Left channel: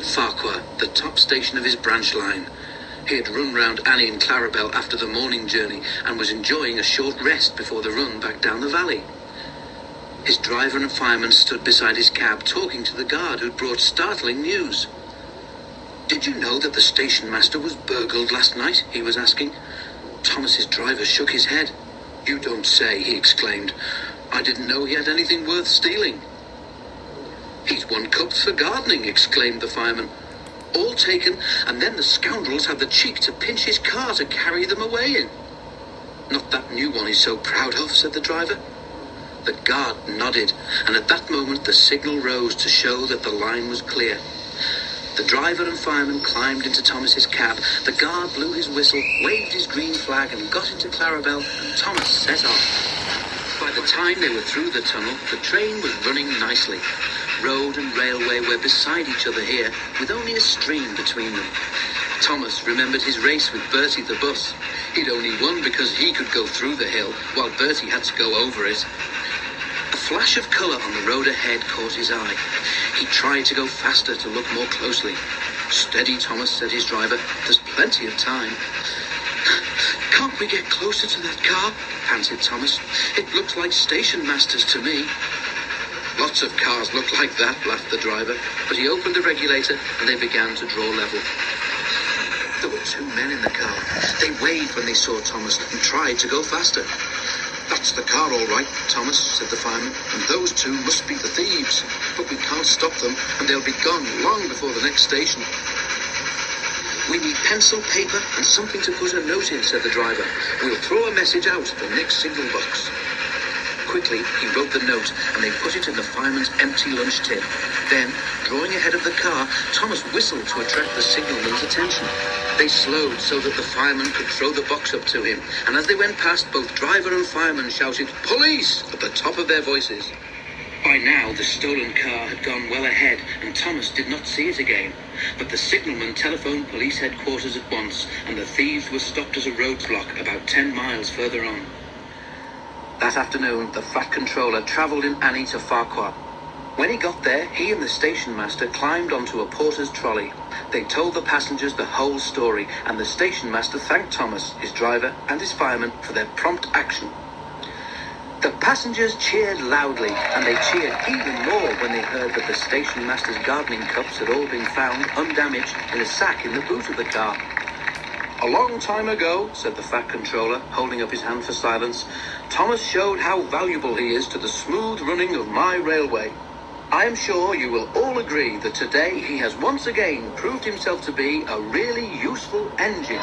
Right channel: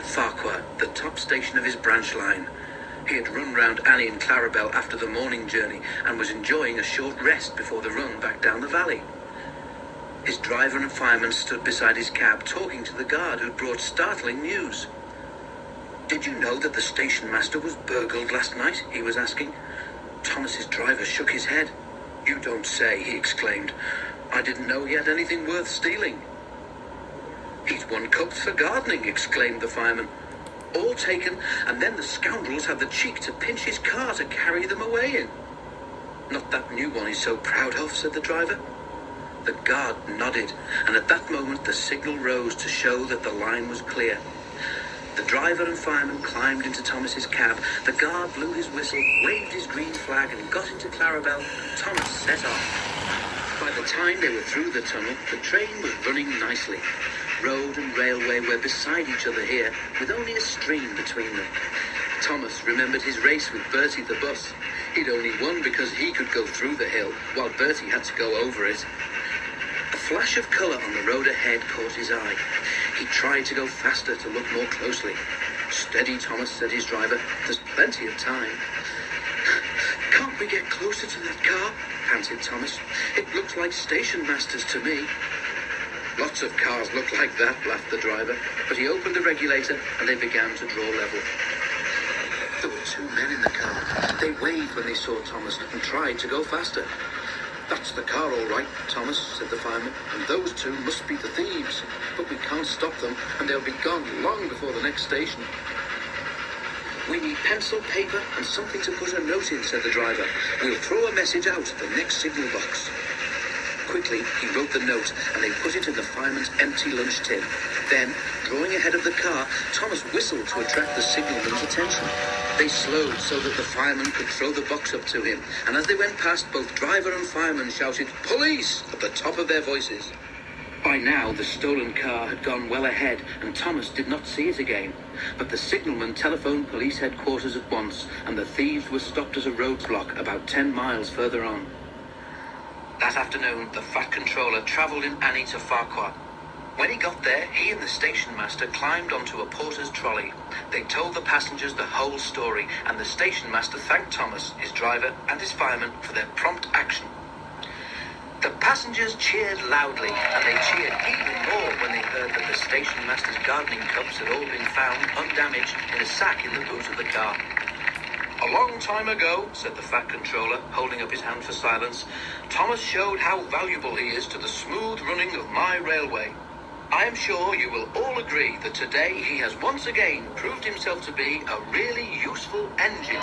at Farquhar, the top station of his branch line. He had run round Annie and Clarabel after the morning journey and was enjoying a short rest before the run back down the valley. His driver and fireman stood beside his cab talking to the guard who'd brought startling news. "Did you know that the station master was burgled last night?" he was asking. Thomas's driver shook his head. "You don't say," he exclaimed. "I didn't know he had anything worth stealing." "He's won cups for gardening," exclaimed the fireman. "All taken, and then the scoundrels had the cheek to pinch his car to carry them away in." "Not that new one he's so proud of," said the driver. The guard nodded, and at that moment the signal rose to show that the line was clear. The driver and fireman climbed into Thomas's cab. The guard blew his whistle, waved his green flag, and got into Clarabel. Thomas set off. By the time they were through the tunnel, the train was running nicely. Road and railway were beside each other here, with only a stream between them. Thomas remembered his race with Bertie the bus. He'd only won because he could go through the hill, while Bertie had to go over it. A flash of colour on the road ahead caught his eye. He tried to go faster to look more closely. "Steady, Thomas," said his driver. "There's plenty of time." "Can't we get closer to that car?" panted Thomas. "It looks like station masters to me." "Lots of cars look like that," laughed the driver, but he opened the regulator and they began to draw level. There were two men in the car. They waved when they saw Thomas and tried to go faster. "That's the car all right, Thomas," said the fireman, "and those two must be the thieves. But we can't stop them, and they'll be gone long before the next station." "We need pencil, paper, and something to put a note in," said the driver. "We'll throw a message out at the next signal box." Quickly, he wrote the note, and they put it in the fireman's empty lunch tin. Then, drawing ahead of the car, Thomas whistled to attract the signalman's attention. They slowed so that the fireman could throw the box up to him, and as they went past, both driver and fireman shouted, "Police!" at the top of their voices. By now, the stolen car had gone well ahead, and Thomas did not see it again. But the signalman telephoned police headquarters at once, and the thieves were stopped at a roadblock about 10 miles further on. That afternoon, the Fat Controller travelled in Annie to Farquhar. When he got there, he and the station master climbed onto a porter's trolley. They told the passengers the whole story, and the station master thanked Thomas, his driver, and his fireman for their prompt action. The passengers cheered loudly, and they cheered even more when they heard that the station master's gardening cups had all been found undamaged in a sack in the boot of the car. "A long time ago," said the Fat Controller, holding up his hand for silence, "Thomas showed how valuable he is to the smooth running of my railway. I am sure you will all agree that today he has once again proved himself to be a really useful engine."